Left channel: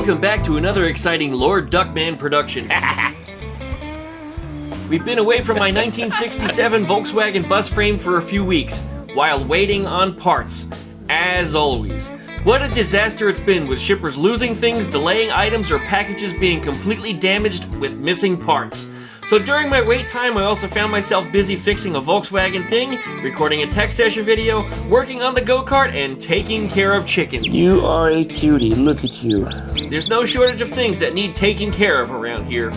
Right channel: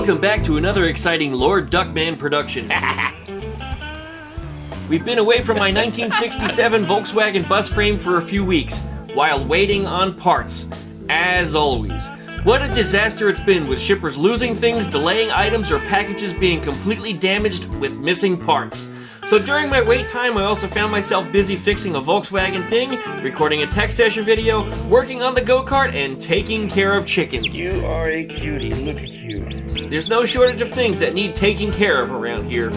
Welcome back to another exciting Lord Duckman production. We've been away from my 1967 Volkswagen bus frame for a few weeks, while waiting on parts, as always. What a disaster it's been, with shippers losing things, delaying items, or packages being completely damaged with missing parts. So during my wait time, I also found myself busy fixing a Volkswagen thing, recording a tech session video, working on the go-kart, and taking care of chickens. You are a cutie, look at you. There's no shortage of things that need taking care of around here.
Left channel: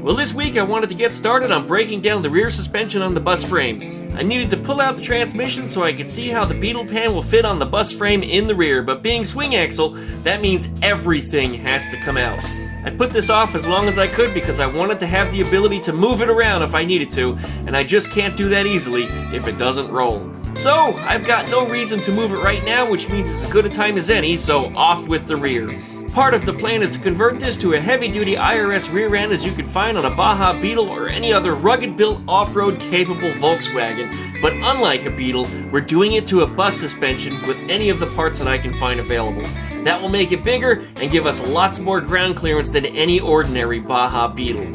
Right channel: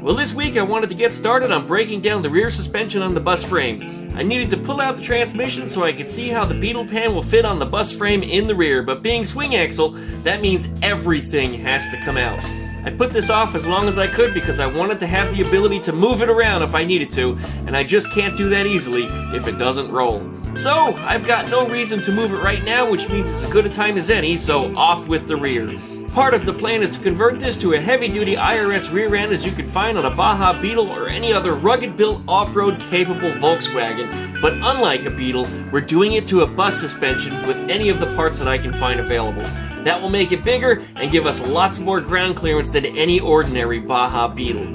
Well, this week I wanted to get started on breaking down the rear suspension on the bus frame. I needed to pull out the transmission so I could see how the Beetle pan will fit on the bus frame in the rear, but being Swingaxle, that means everything has to come out. I put this off as long as I could because I wanted to have the ability to move it around if I needed to, and I just can't do that easily if it doesn't roll. So, I've got no reason to move it right now, which means it's as good a time as any, so off with the rear. Part of the plan is to convert this to a heavy-duty IRS rear end as you can find on a Baja Beetle or any other rugged-built off-road capable Volkswagen. But unlike a Beetle, we're doing it to a bus suspension with any of the parts that I can find available. That will make it bigger and give us lots more ground clearance than any ordinary Baja Beetle.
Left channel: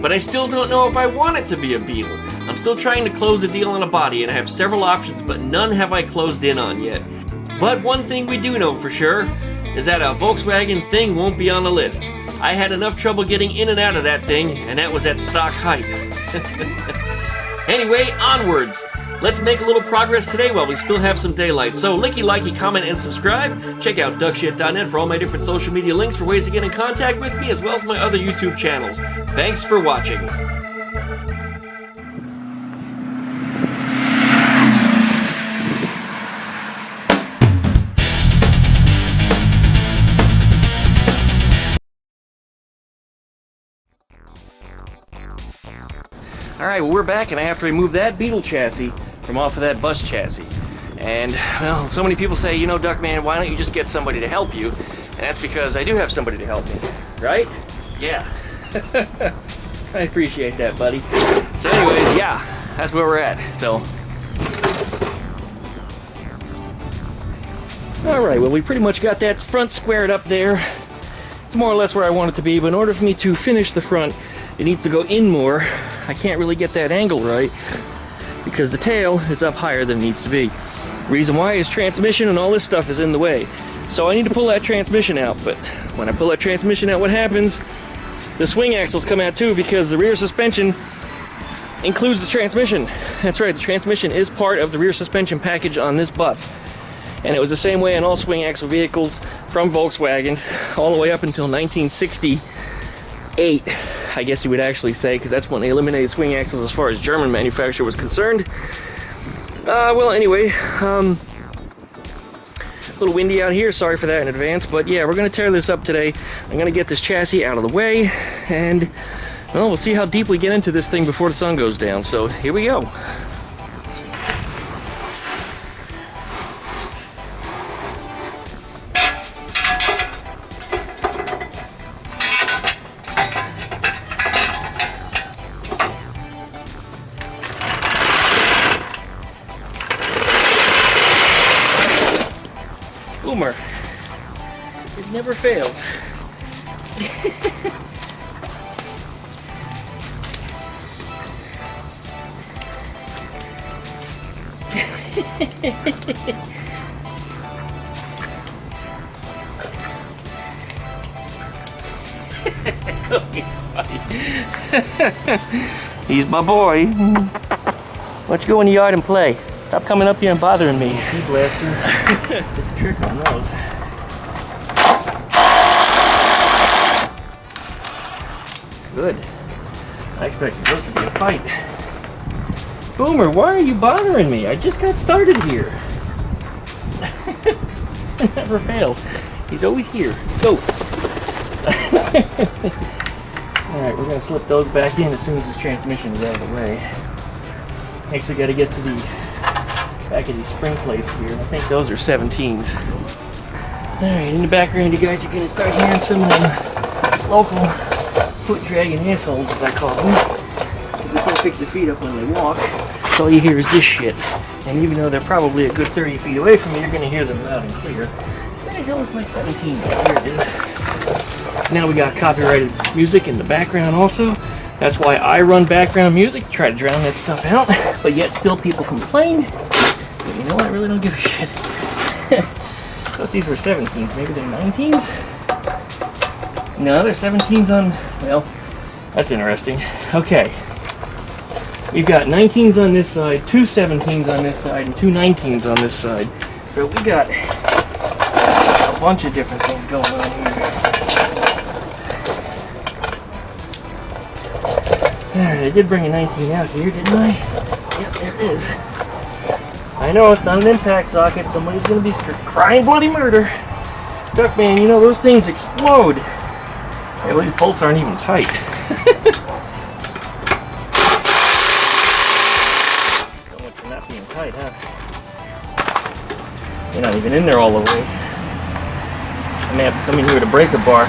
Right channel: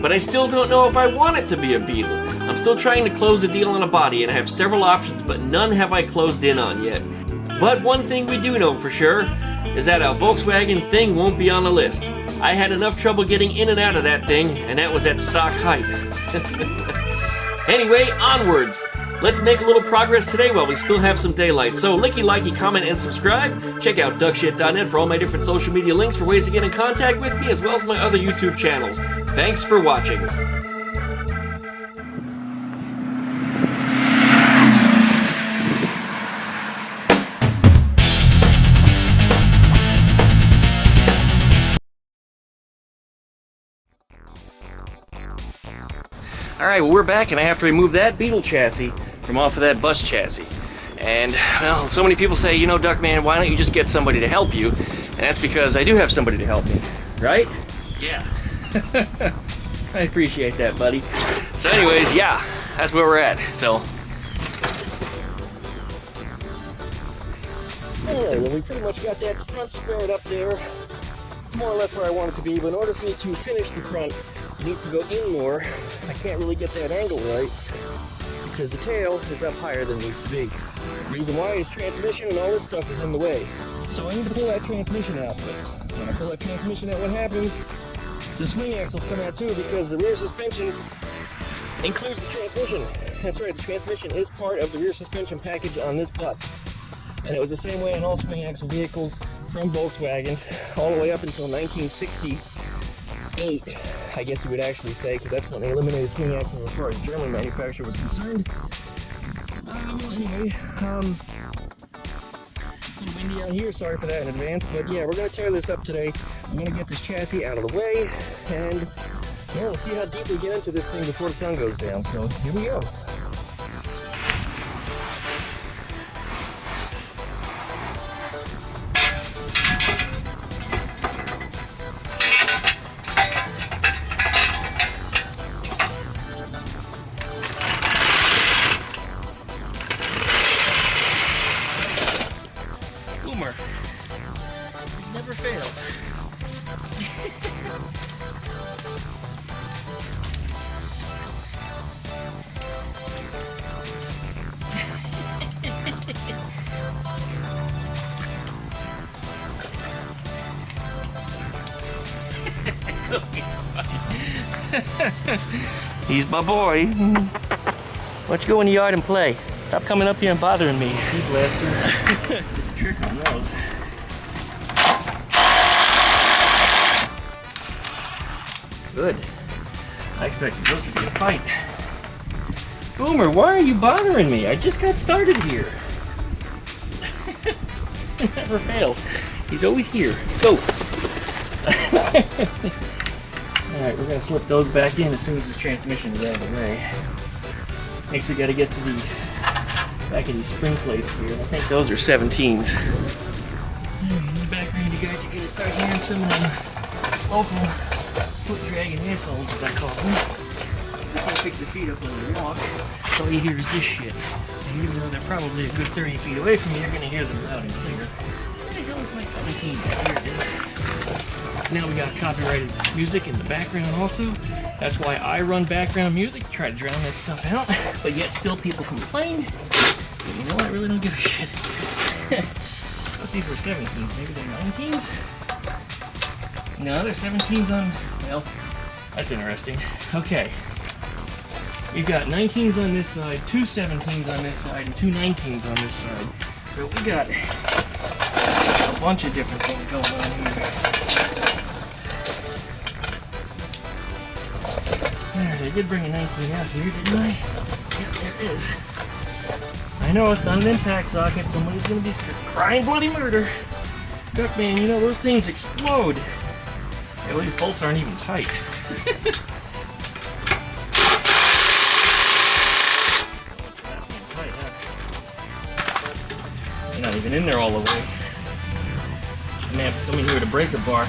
But I still don't know if I want it to be a Beetle. I'm still trying to close a deal on a body and I have several options, but none have I closed in on yet. But one thing we do know for sure is that a Volkswagen thing won't be on the list. I had enough trouble getting in and out of that thing, and that was at stock height. Anyway, onwards. Let's make a little progress today while we still have some daylight. So, licky, likey, comment, and subscribe. Check out duckshit.net for all my different social media links for ways to get in contact with me, as well as my other YouTube channels. Thanks for watching. Alright, well, we're back, and I have to remove that Beetle chassis from off of that bus chassis. And, well, so many people say, you know, Duckman, why don't you just get somebody to help you? And that's because I do have somebody to help me, right? Yeah. I appreciate that, buddy. So anyways, yeah, that's where we're at, so. Alright, well, we pretty much got that front squared up there. It's more or less where I want it to be, but in order for me to finish the front, it needs to go in more. I can't really get that angle right because the tail is up higher than it needs to be. Reason why is transmission and all this stuff is in the way. So I need to pull that transmission out, but when I pull that transmission out, what happens? The swing axles come out too because the rear suspension includes the transmission. That's right, the transmission is part of the rear suspension package on this bus. And it was the same way on all swing axle vehicles from Volkswagen all the way up until 1968. I guess you would actually say, because that's when they eliminated swing axles as far as German manufacture was concerned. Well, anyway, a little windy out here, sorry for that in advance, but yeah, we're going to tear this up today. I'm going to get this chassis out of the way, and, well, we'll see how deep we get into this thing before the sun goes down, so here we go. Boomer. It never fails. He's my boy. Why don't you go in the yard and play? Stop coming up here and bothering me. You blaster. Get the trick on those. Good. I expected this to be a fight. Boomer, why are you bothering me? I just got started here. It never fails. He's always here. Go. Alright, we're going to slip those back in as soon as this transmission is out of the way. Next we got to get to the back of these spring plates here. I think those are 17s. Alright, in the background you guys are going to start hearing some of them local foot dragging assholes, as I call them. Because they can't pick their feet up when they walk. So all you hear is this shit. And even though they're probably a good 30 feet away from me, you're going to hear them loud and clear. Where the hell is my 17? Here it is. Now we got copyrighted music in the background also. That's why I run background music to try to drown that stuff out. But yet still people complain. But you know what? I really don't give a shit. I thought these were 17s. Maybe they're 19s? No, they're 17s on... Well, that's interesting. Okay. We've got 19s on this side, 2 17s on this side, and 2 19s on this side. So we got a bunch of different things going on here. There, I did bring a 19 out here, didn't I? Yep, there it is. I know it's not an impact socket. Somebody's gonna be crying bloody murder. Duckman, you know those things explode. Hey, well, these bolts aren't even tight. You're not being tight, huh? You're not even in there all the way. I may have to come in here with a breaker bar.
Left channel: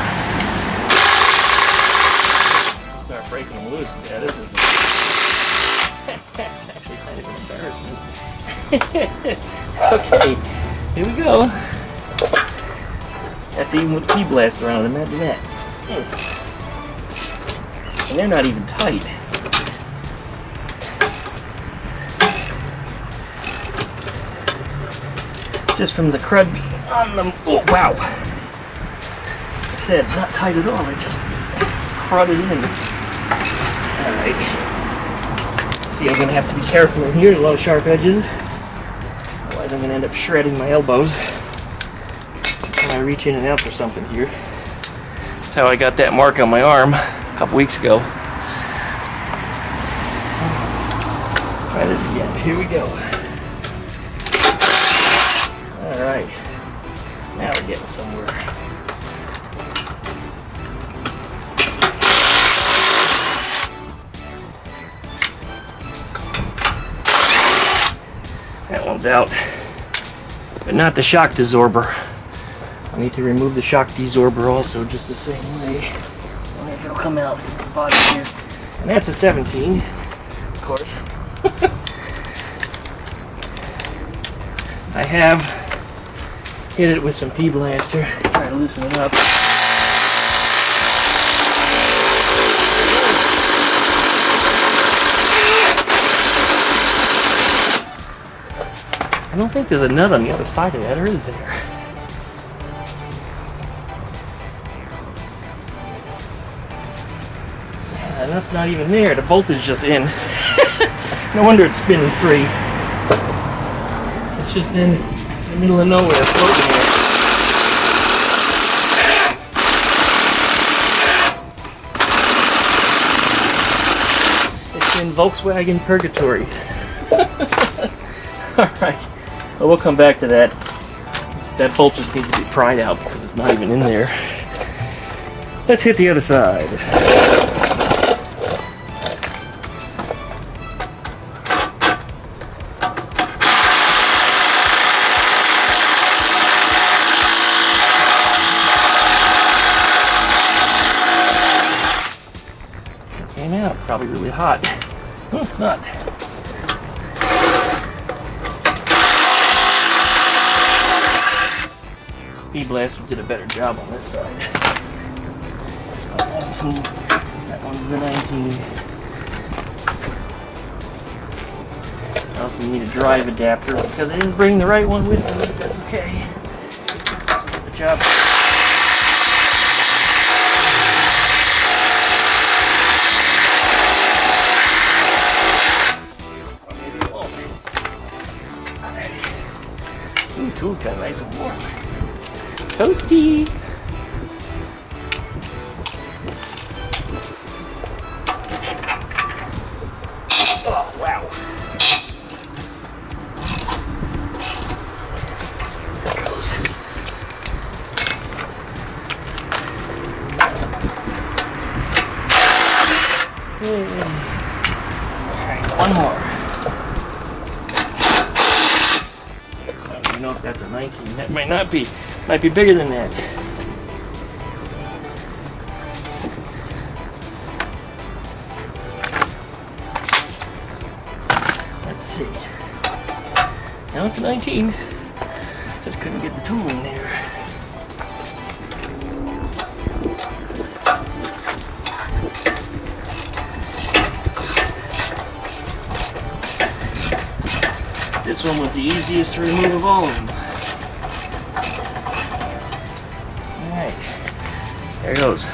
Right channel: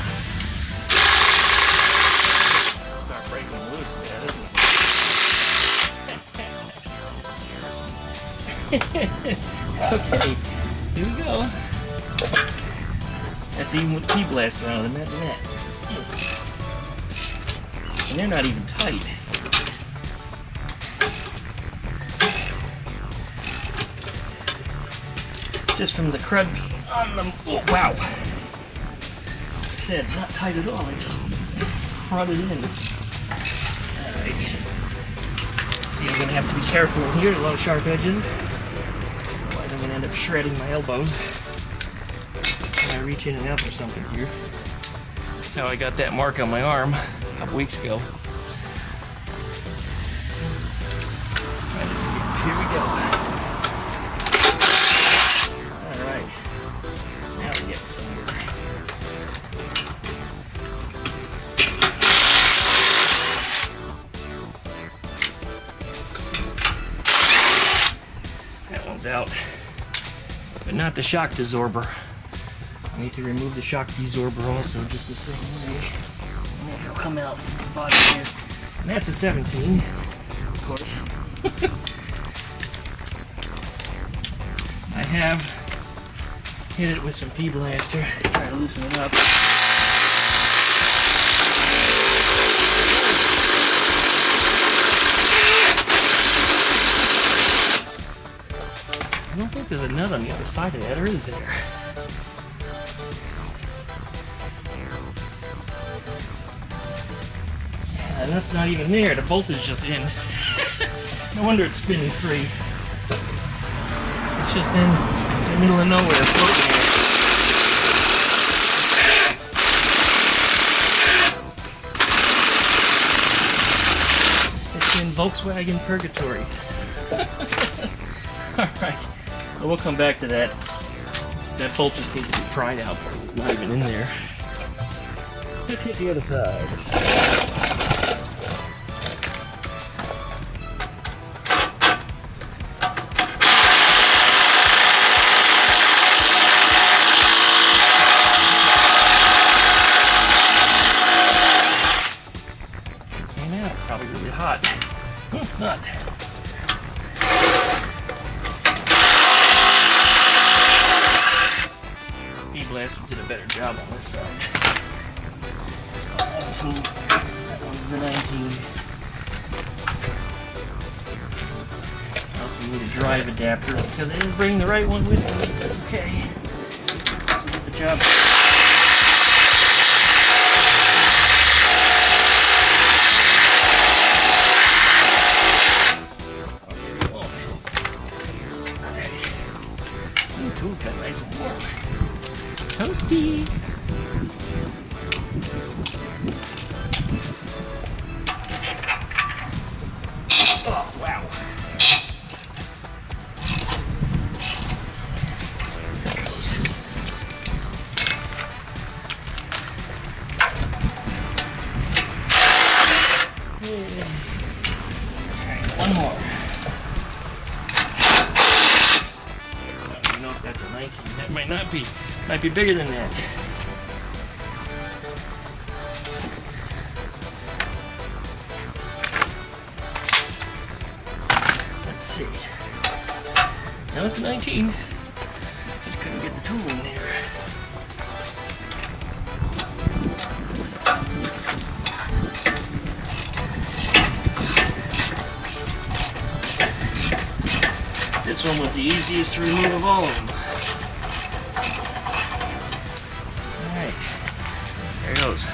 Start breaking them loose. Yeah, this is actually kind of embarrassing. Okay, here we go. That's even with P-blast around. Imagine that. And they're not even tight. Just from the crud being on them. Oh, wow. Like I said, it's not tight at all. It just crudded in. Alright. See, I'm going to have to be careful in here. A lot of sharp edges. Otherwise, I'm going to end up shredding my elbows when I reach in and out for something here. That's how I got that mark on my arm a couple weeks ago. Try this again. Here we go. Alright. Now we're getting somewhere. That one's out. But not the shock desorber. I need to remove the shock desorber also just the same way. I wonder if it'll come out from the bottom here. And that's a 17, of course. I have hit it with some P-blaster. Try to loosen it up. I don't think there's a nut on the other side of that, or is there? Yeah, the nut's not even there. The bolt is just in. No wonder it's spinning free. It's just in the middle of nowhere, floating here. It's in Volkswagen purgatory. Alright, well, we'll come back to that. That bolt just needs to be pried out because it's not even in there. Let's hit the other side. Came out, probably really hot. Not. P-blast did a better job on this side. 19. That one's the 19. I also need a drive adapter because I didn't bring the right one with me, but that's okay. Let's get the job. Or maybe it won't. Alright. Ooh, tool's got nice and warm. Toasty! Oh, wow. There it goes. Alright, one more. I don't even know if that's a 19. That might not be. Might be bigger than that. Let's see. Now it's a 19. Just couldn't get the tool in there. This one was the easiest to remove of all of them. Alright, there it goes.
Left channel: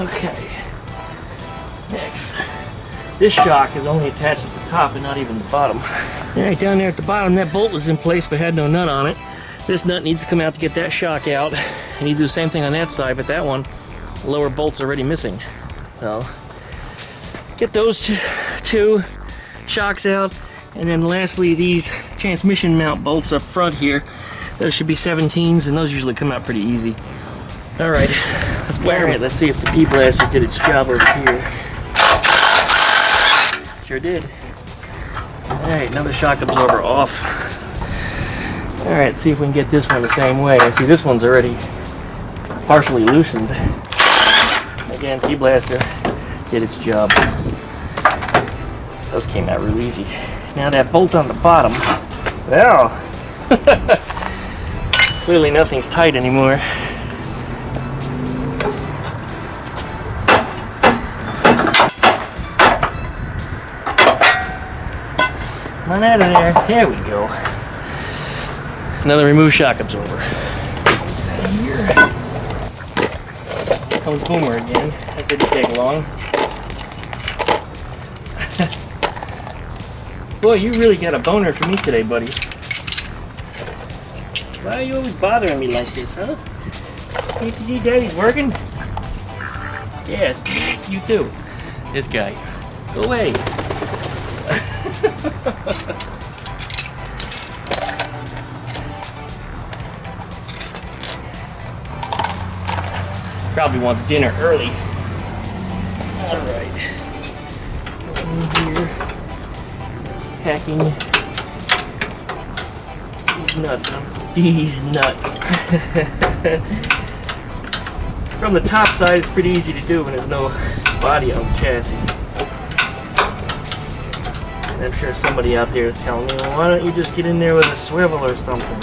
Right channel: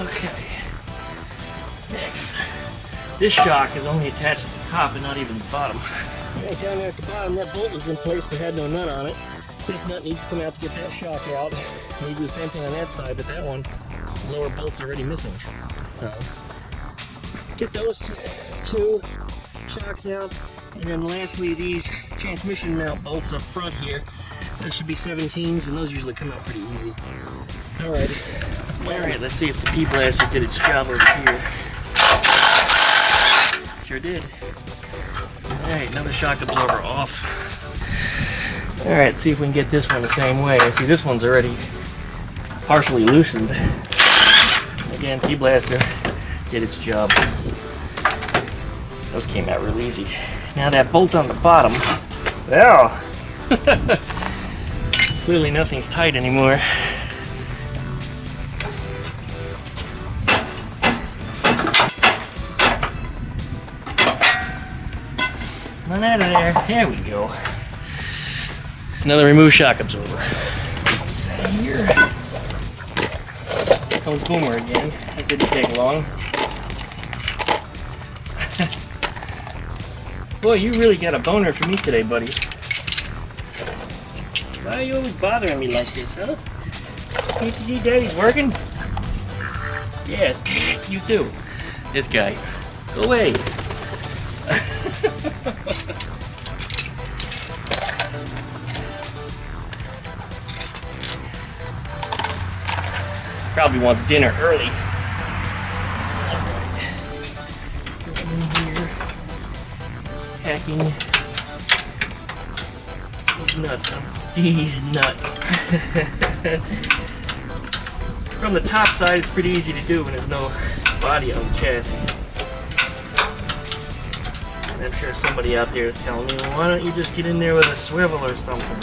Okay, next. This shock is only attached at the top and not even the bottom. Alright, down there at the bottom, that bolt was in place but had no nut on it. This nut needs to come out to get that shock out. You need to do the same thing on that side, but that one, the lower bolt's already missing. So, get those two shocks out, and then lastly these transmission mount bolts up front here. Those should be 17s, and those usually come out pretty easy. Alright, let's see if the P-Blaster did its job over here. Sure did. Alright, another shock absorber off. Alright, see if we can get this one the same way. I see this one's already partially loosened. Again, P-Blaster did its job. Those came out real easy. Now that bolt on the bottom, well, clearly nothing's tight anymore. Come on out of there. There we go. Another remove shock absorber. What's that here? Here comes Boomer again. That didn't take long. Boy, you really got a boner for me today, buddy. Why are you always bothering me like this, huh? Can't you see Daddy's working? Yeah, you too. This guy. Go away. Probably wants dinner early. Alright. Go in here. Packing these nuts, huh? These nuts. From the top side, it's pretty easy to do when there's no body on the chassis. And I'm sure somebody out there is telling me, well, why don't you just get in there with a swivel or something?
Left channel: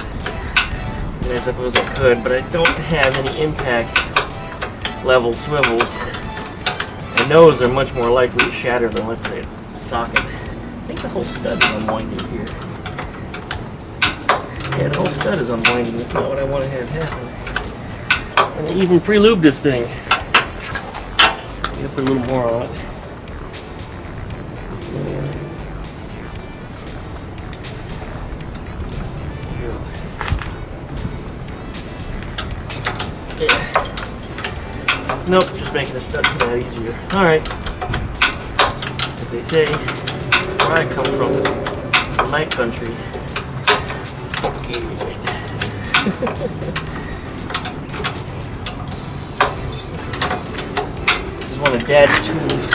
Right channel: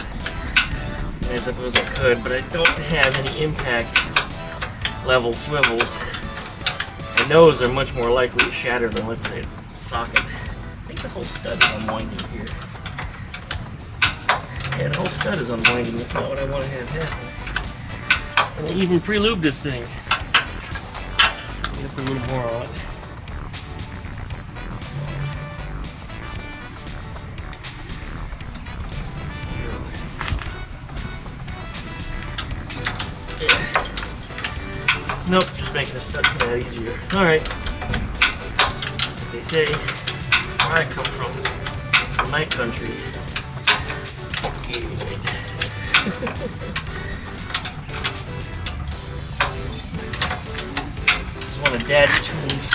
And I suppose I could, but I don't have any impact level swivels. And those are much more likely to shatter than, let's say, a socket. I think the whole stud is unwinding here. Yeah, the whole stud is unwinding. That's not what I want to have happen. And I even pre-lubed this thing. I'm going to put a little more on it. Yeah. Nope, just making a stud come out easier. Alright. As they say, where I come from, the night country. Okay. This is one of Dad's tools.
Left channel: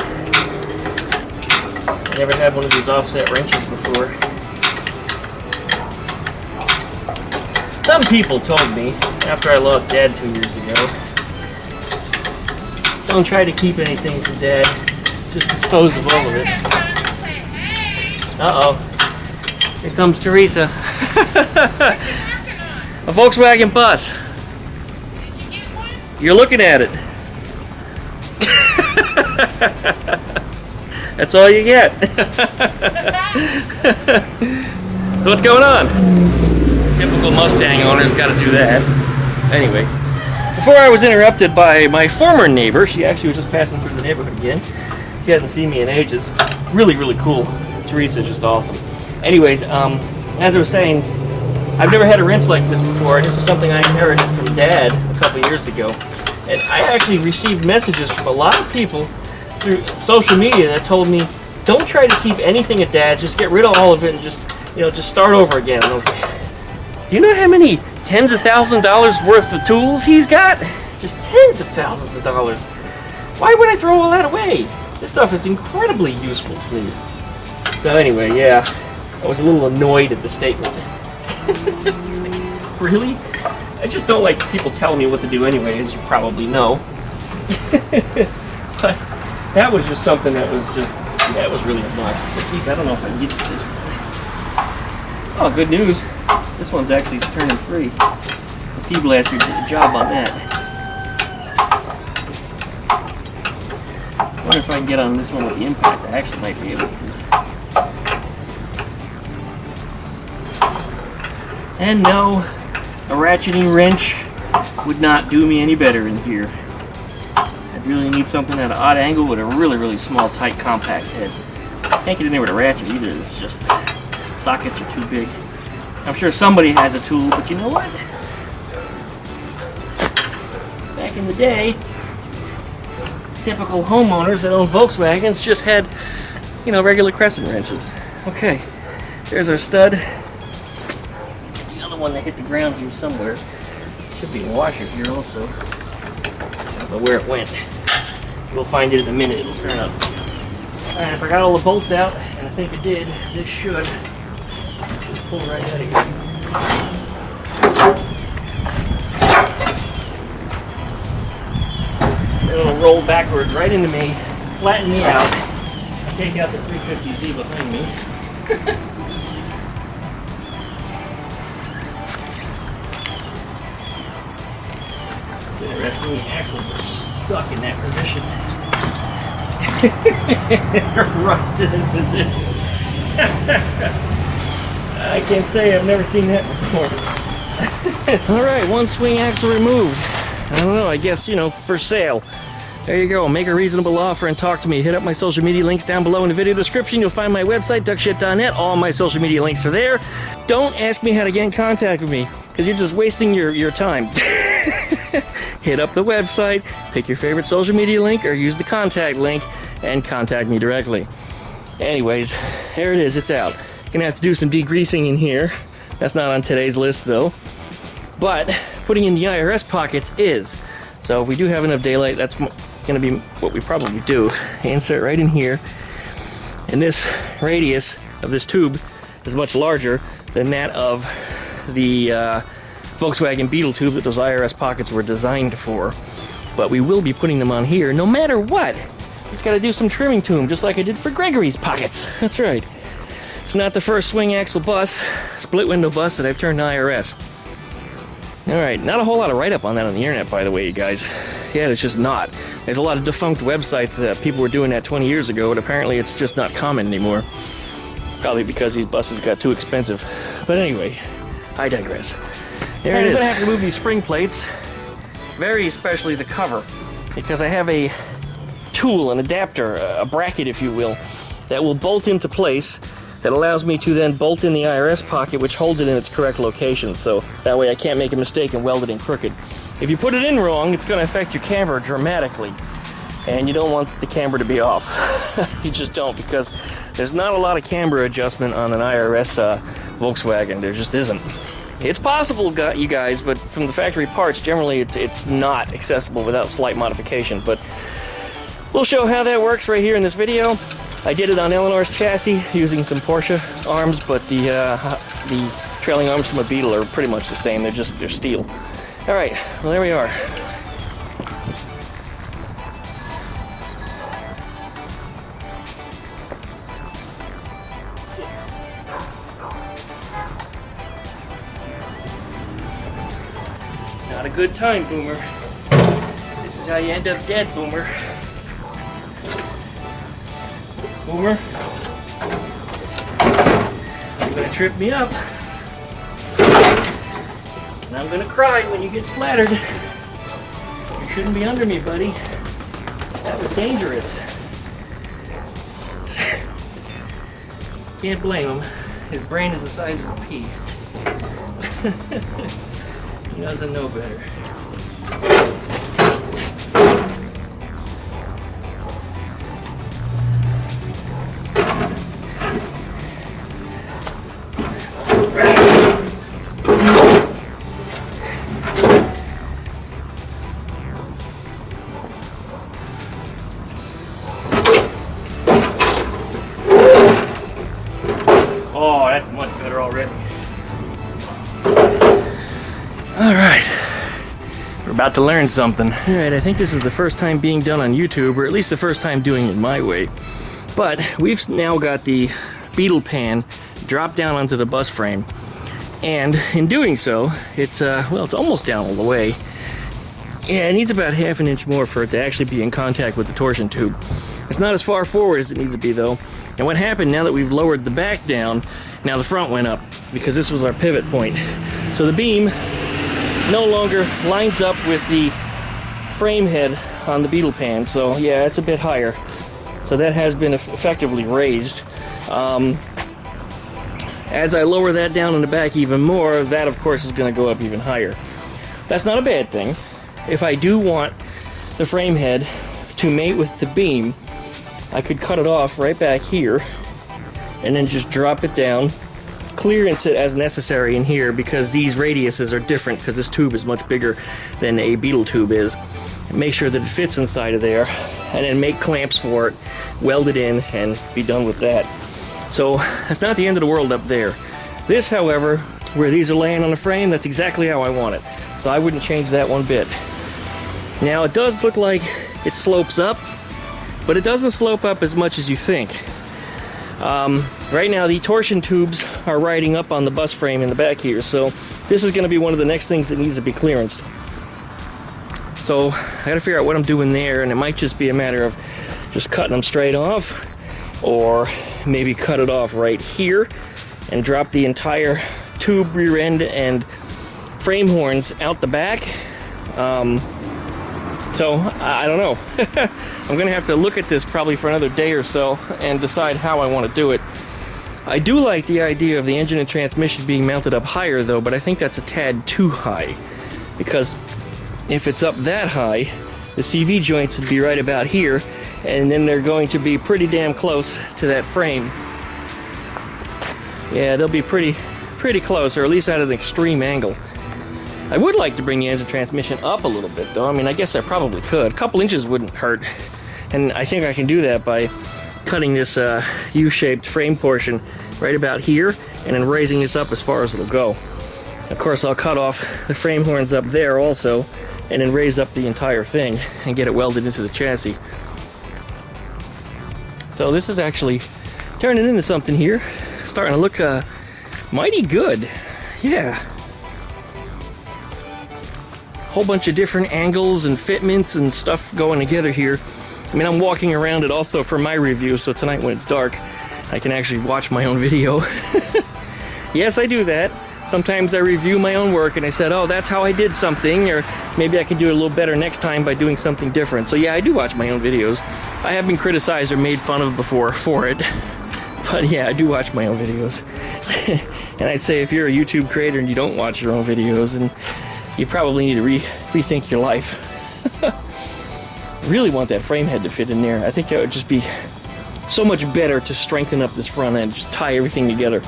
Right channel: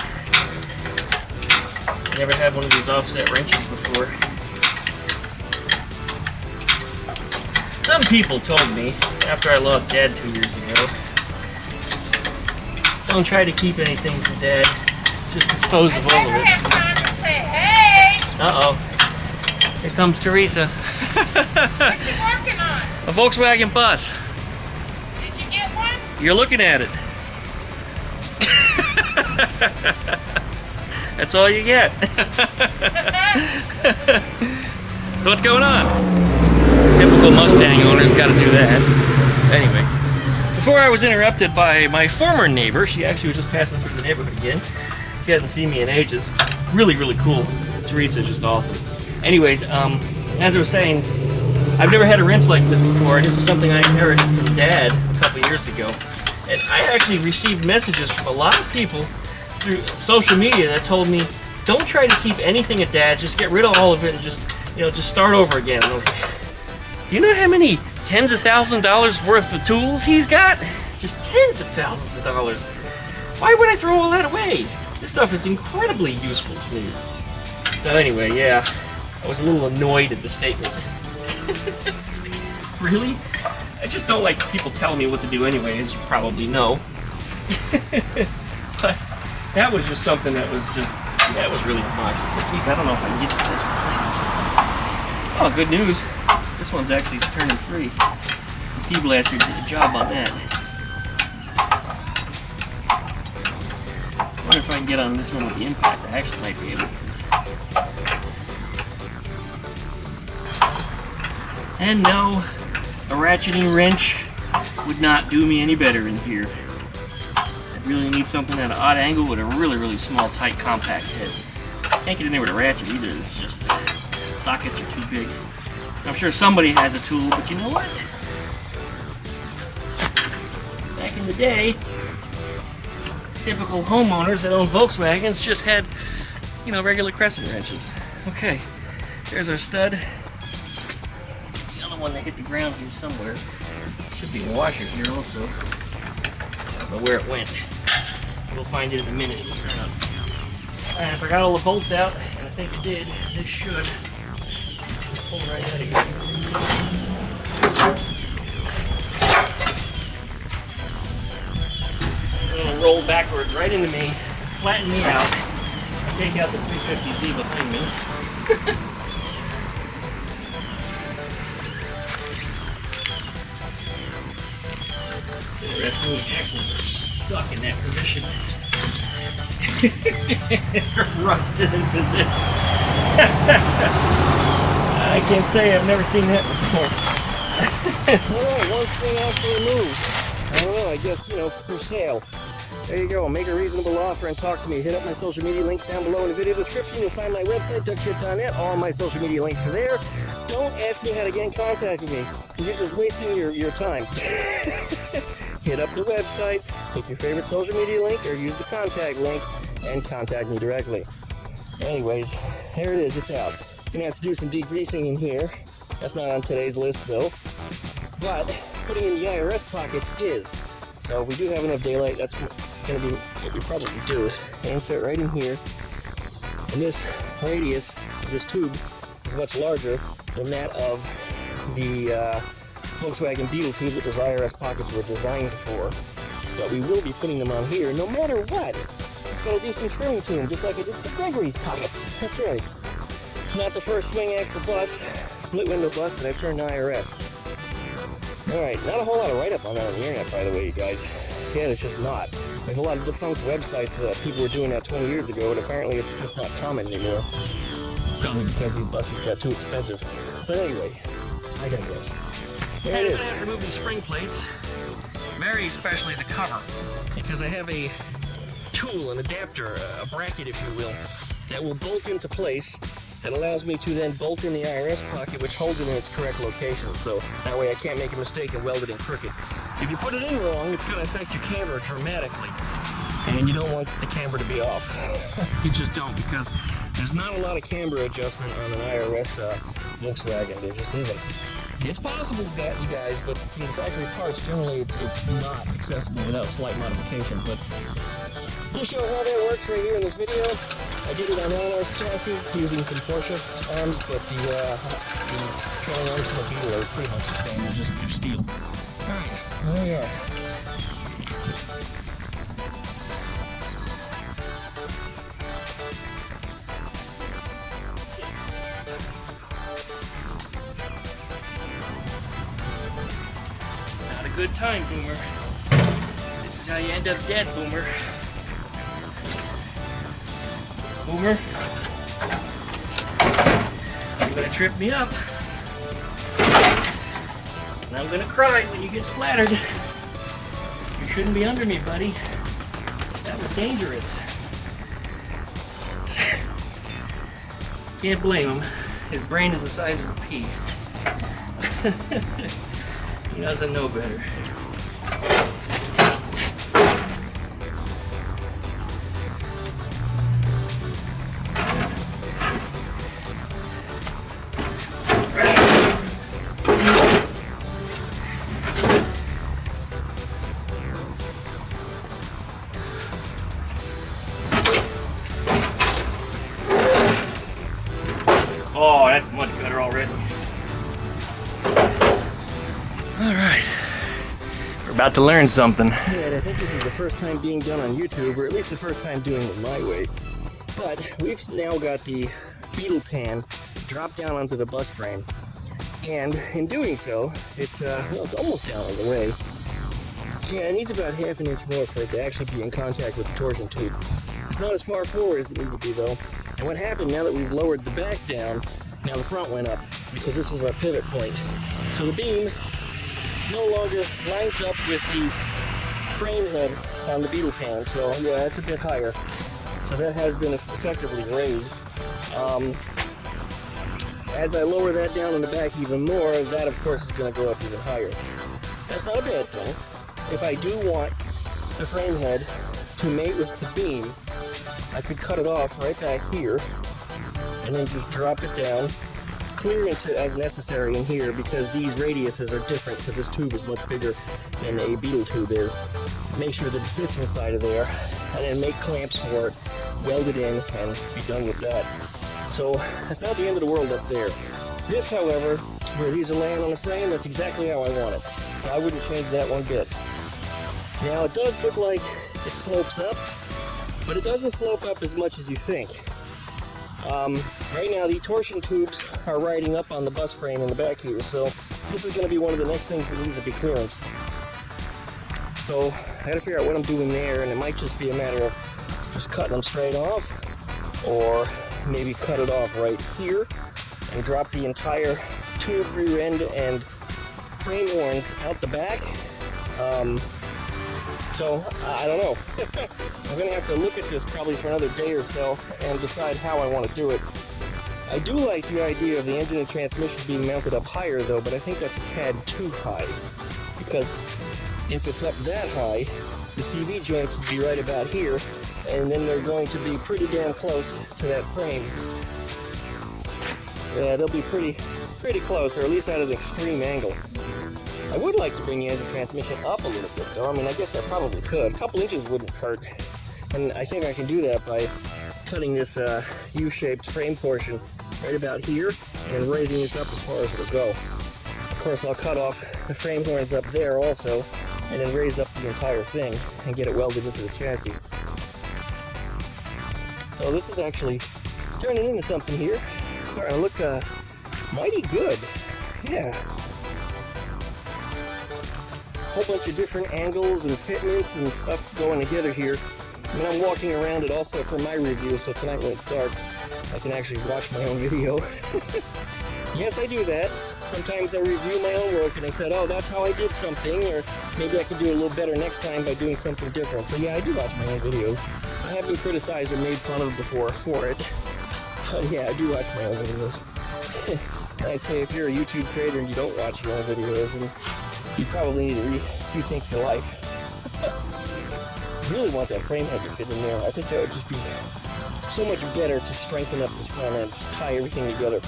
I never had one of these offset wrenches before. Some people told me, after I lost Dad 2 years ago, don't try to keep anything from Dad, just dispose of all of it. Uh-oh. Here comes Teresa. What you working on? A Volkswagen bus. Did you get one? You're looking at it. That's all you get. So what's going on? Typical Mustang owner's got to do that. Anyway, before I was interrupted by my former neighbor, she actually was just passing through the neighborhood again. She hadn't seen me in ages. Really, really cool. Teresa's just awesome. Anyways, as I was saying, I've never had a wrench like this before. This was something I inherited from Dad a couple years ago. And I actually received messages from a lot of people through social media that told me, don't try to keep anything at Dad, just get rid of all of it and just start over again. And I was like, do you know how many tens of thousands of dollars worth of tools he's got? Just tens of thousands of dollars. Why would I throw all that away? This stuff is incredibly useful to me. So anyway, yeah, I was a little annoyed at the statement. It's like, really? I just don't like people telling me what to do anyway, as you probably know. But that was just something that was just, that was really obnoxious. Like, geez, I don't know if I can get to this. Oh, good news. This one's actually turning free. The P-Blaster did a job on that. I wonder if I can get on this one with the impact. I actually might be able to. And no, a ratcheting wrench would not do me any better in here. I really need something at an odd angle with a really, really small, tight, compact head. Can't get in there with a ratchet either. It's just sockets are too big. I'm sure somebody has a tool, but you know what? Back in the day, typical homeowners that own Volkswagens just had, you know, regular crescent wrenches. Okay, there's our stud. The other one that hit the ground here somewhere. Should be a washer here also. I don't know where it went. We'll find it in a minute. It'll turn up. Alright, if I got all the bolts out, and I think it did, this should just pull right out of here. It'll roll backwards right into me, flatten me out, take out the 350Z behind me. It's interesting, the axles are stuck in that position. Rusted in position. I can't say I've never seen that before. Alright, one Swingaxle removed. Well, I guess, you know, for sale. There you go. Make a reasonable offer and talk to me. Hit up my social media links down below in the video description. You'll find my website, duckshit.net. All my social media links are there. Don't ask me how to get in contact with me, because you're just wasting your time. Hit up the website, pick your favorite social media link, or use the contact link, and contact me directly. Anyways, here it is. It's out. Gonna have to do some degreasing in here. That's not on today's list, though. But putting in the IRS pockets is. So if we do have enough daylight, that's going to be what we probably do. Insert right in here. And this radius of this tube is much larger than that of the Volkswagen Beetle tube that those IRS pockets were designed for. But we will be putting them on here no matter what. Just got to do some trimming to them, just like I did for Gregory's pockets. That's right. It's not the first swing axle bus, split window bus that I've turned to IRS. Alright, not a whole lot of write-up on that on the internet, by the way, you guys. Yeah, it's just not. There's a lot of defunct websites that people were doing that 20 years ago, but apparently it's just not common anymore. Probably because these buses got too expensive. But anyway, I digress. And I'm going to have to remove these spring plates, very especially the cover, because I have a tool, an adapter, a bracket, if you will, that will bolt into place that allows me to then bolt in the IRS pocket, which holds it in its correct location, so that way I can't make a mistake and weld it in crooked. If you put it in wrong, it's going to affect your camber dramatically, and you don't want the camber to be off. You just don't, because there's not a lot of camber adjustment on an IRS Volkswagen. There just isn't. It's possible, you guys, but from the factory parts, generally it's not accessible without slight modification, but we'll show how that works right here in this video. I did it on Eleanor's chassis using some Porsche arms, but the trailing arms from a Beetle are pretty much the same. They're steel. All right, well, there we are. Not a good time, Boomer. This is how you end up dead, Boomer. Boomer, you're gonna trip me up, and I'm gonna cry when you get splattered. You shouldn't be under me, buddy. That was dangerous. Can't blame him. His brain is the size of a pea. He doesn't know better. Oh, that's much better already. Alright. We're about to learn something. Alright, I think this is the first time being done on YouTube, or at least the first time doing it my way. But we've now got the Beetle pan dropped down onto the bus frame. And in doing so, it's it's almost down all the way. Yeah, it needs about half an inch more for it to actually be in contact with the torsion tube. It's not as far forward as it needs to be, though. And what happened now that we've lowered the back down, now the front went up. because this was our pivot point. So the beam no longer lines up with the frame head on the Beetle pan. So yeah, it's a bit higher. So that has been effectively raised. As I lower that down in the back even more, that of course is going to go up even higher. That's not a bad thing. If I do want the frame head to mate with the beam, I could cut it off right back here and then just drop it down, clearance it as necessary in here, because these radiuses are different because this tube is much bigger than a Beetle tube is. Make sure that it fits inside of there, and then make clamps for it, weld it in, and be done with that. So that's not the end of the world up there. This, however, where these are laying on the frame, that's exactly how I want it. So I wouldn't change that one bit. Now it does look like it slopes up, but it doesn't slope up as much as you think. Right now the torsion tubes are riding up on the bus frame in the back here, so this is going to be one of the next things that needs to be clearanced. So I gotta figure out what I'm doing there, and it might just be a matter of just cutting them straight off, or maybe cut it off right here and drop the entire tube rear end and frame horns out the back. So I don't know. I'm gonna have to look at this probably for another day or so and decide how I want to do it. I do like the idea of the engine and transmission being mounted up higher though, but I think that's a tad too high, because if it's up that high, the CV joints would be right about here, and then they're going to be pretty damn close to that frame. Yeah, they'll be pretty close, or at least at an extreme angle. I would like to bring the engine transmission up a little bit though. I mean, I guess I probably could. A couple inches wouldn't hurt, and I think I can do that by cutting this U-shaped frame portion right about here, and then raising this up as far as it'll go. Of course, I'll cut off the frame horns up there also, and then raise up the entire thing and get it welded into the chassis. So this is actually turning into something here. Starting to look mighty good. Yeah. Whole bunch of different angles and fitments and stuff going together here. I mean, I'm walking around it also for my review, so tonight when it's dark, I can actually watch my own video. Yes, I do that. Sometimes I review my own work and I said, oh, that's how I did something, or maybe I can do it a little better next time by doing something different. So yeah, I do watch my own videos. I have been criticized or made fun of before for it, but yeah, I do watch my own videos. And I'd say if you're a YouTube creator and you don't watch your own videos, then you probably need to rethink your life. I really want that frame head to fit in there. I think that would just be so much better to strengthen up this front end, just tie everything together.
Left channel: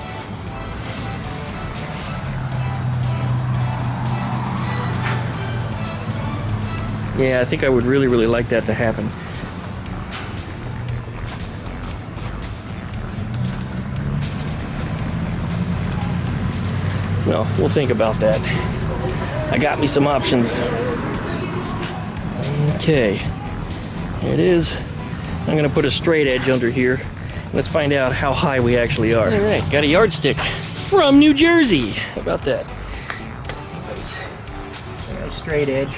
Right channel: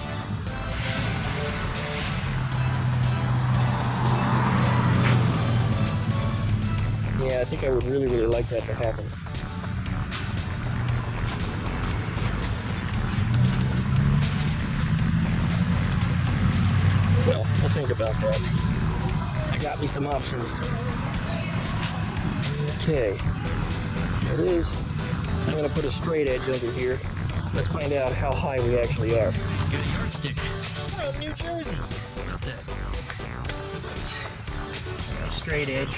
Yeah, I think I would really like that to happen. Well, we'll think about that. I got me some options. Okay, there it is. I'm gonna put a straight edge under here. Let's find out how high we actually are. All right, got a yardstick from New Jersey. How about that? Anyways, I got a straight edge.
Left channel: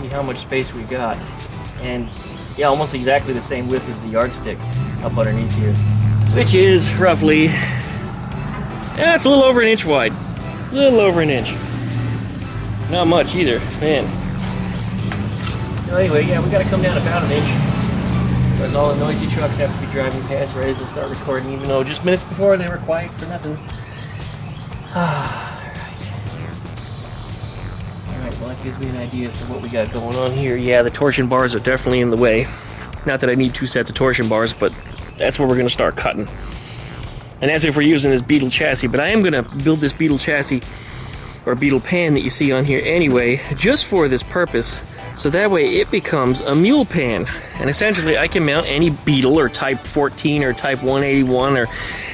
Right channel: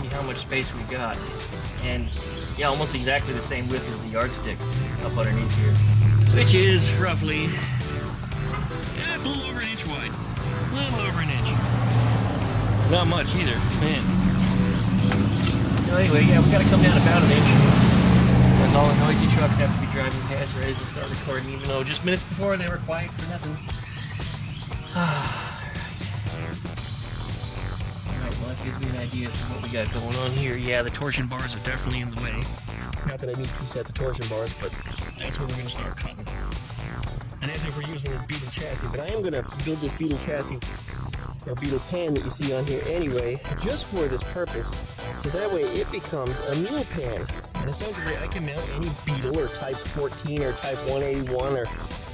See how much space we got, and yeah, almost exactly the same width as the yardstick up underneath here, which is roughly, yeah, it's a little over an inch wide, a little over an inch. Not much either, man. So anyway, yeah, we got to come down about an inch, because all the noisy trucks have to be driving past right as they start recording, even though just minutes before they were quiet for nothing. Well, that gives me an idea as to what we got going on here. Yeah, the torsion bars are definitely in the way. Not that I need two sets of torsion bars, but that's where we're going to start cutting. And that's if we're using this Beetle chassis. But I am going to build this Beetle chassis, or Beetle pan that you see on here anyway, just for this purpose. So that way it becomes a mule pan. And essentially I can mount any Beetle or Type 14 or Type 181 or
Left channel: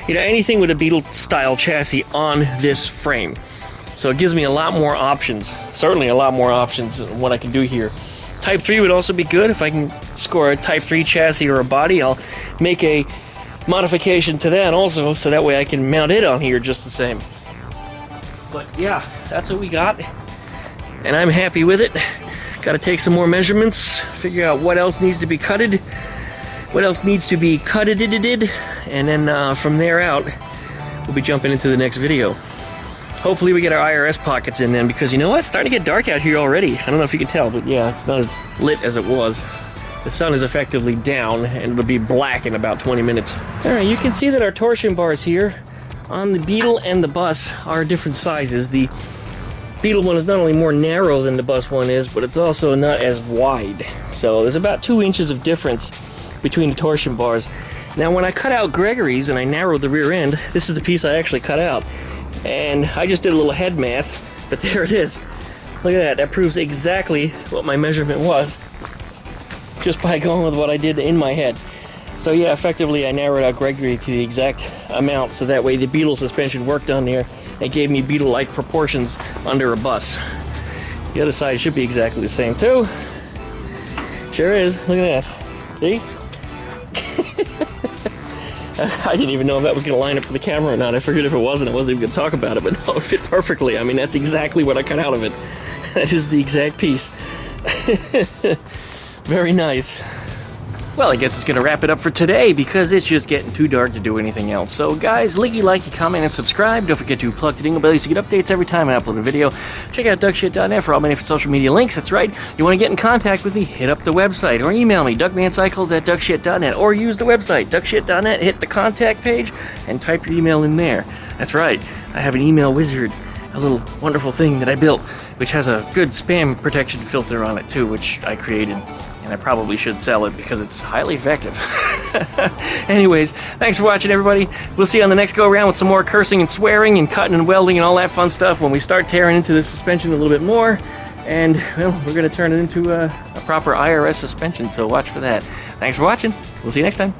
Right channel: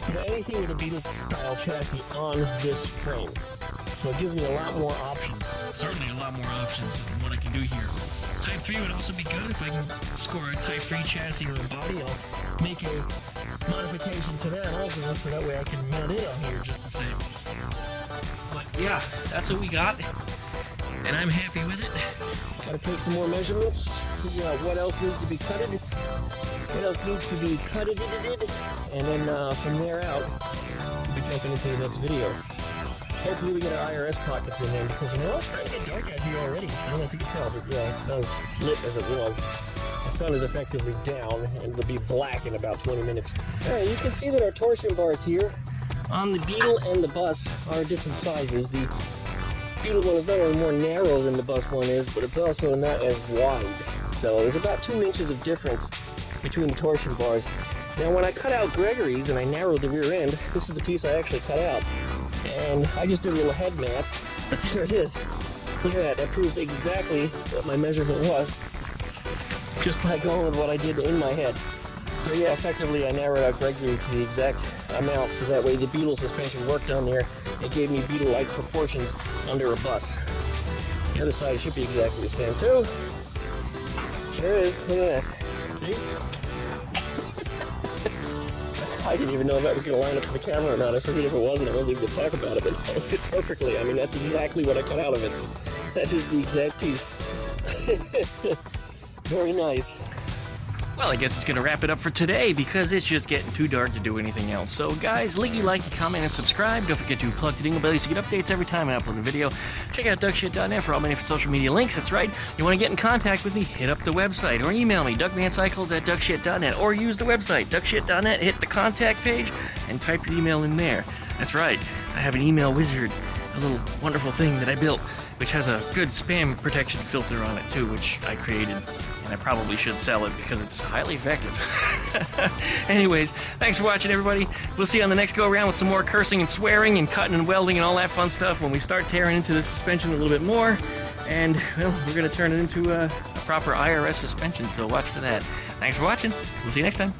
anything with a Beetle style chassis on this frame. So it gives me a lot more options, certainly a lot more options on what I can do here. Type 3 would also be good. If I can score a Type 3 chassis or a body, I'll make a modification to that also, so that way I can mount it on here just the same. But yeah, that's what we got, and I'm happy with it. Got to take some more measurements, figure out what else needs to be cutted, what else needs to be cutted, and then from there out, we'll be jumping into the next video. Hopefully we get our IRS pockets in then, because you know what? It's starting to get dark out here already. I don't know if you can tell, but yeah, it's not as lit as it was. The sun is effectively down, and it'll be black in about 20 minutes. Alright, you can see that our torsion bars here on the Beetle and the bus are different sizes. The Beetle one is not only more narrow than the bus one is, but it's also not as wide. So there's about 2 inches of difference between the torsion bars. Now when I cut out Gregory's and I narrowed the rear end, this is the piece I actually cut out. And I just did a little head math, but there it is. Look at that, that proves exactly what my measurement was, just by going with what I did in my head. So yeah, effectively I narrowed out Gregory to the exact amount, so that way the Beetle suspension worked on there and gave me Beetle-like proportions under a bus. The other side should be exactly the same too. Sure is, look at that. See? I didn't even know if that was going to line up for the camera or not. I figured if it wasn't, I wasn't even going to talk about it, but no, it fit perfectly. I mean, that's exactly what I cut out of it. That is the exact piece. Very nice. Well, I guess it's going to wrap it up for today because it's just getting too dark to do anything else. So, guys, likey, comment, and subscribe. Don't forget to plug the dingle belly to get updates every time I upload a video. Check out duckshit.net for all my different social media links. That's right. You want to get in contact with me, hit up the website or email me, duckmancycles@duckshit.net, or use the website, duckshit.net, hit the contact page, and type your email in there. That's right. I have an email wizard, a little wonderful thing that I built, which has a good spam protection filter on it, too, which I created. And I probably should sell it because it's highly effective. Anyways, thanks for watching, everybody. We'll see you on the next go-around with some more cursing and swearing and cutting and welding and all that fun stuff when we start tearing into the suspension a little bit more. And, well, we're going to turn it into a proper IRS suspension, so watch for that. Thanks for watching. We'll see you next time.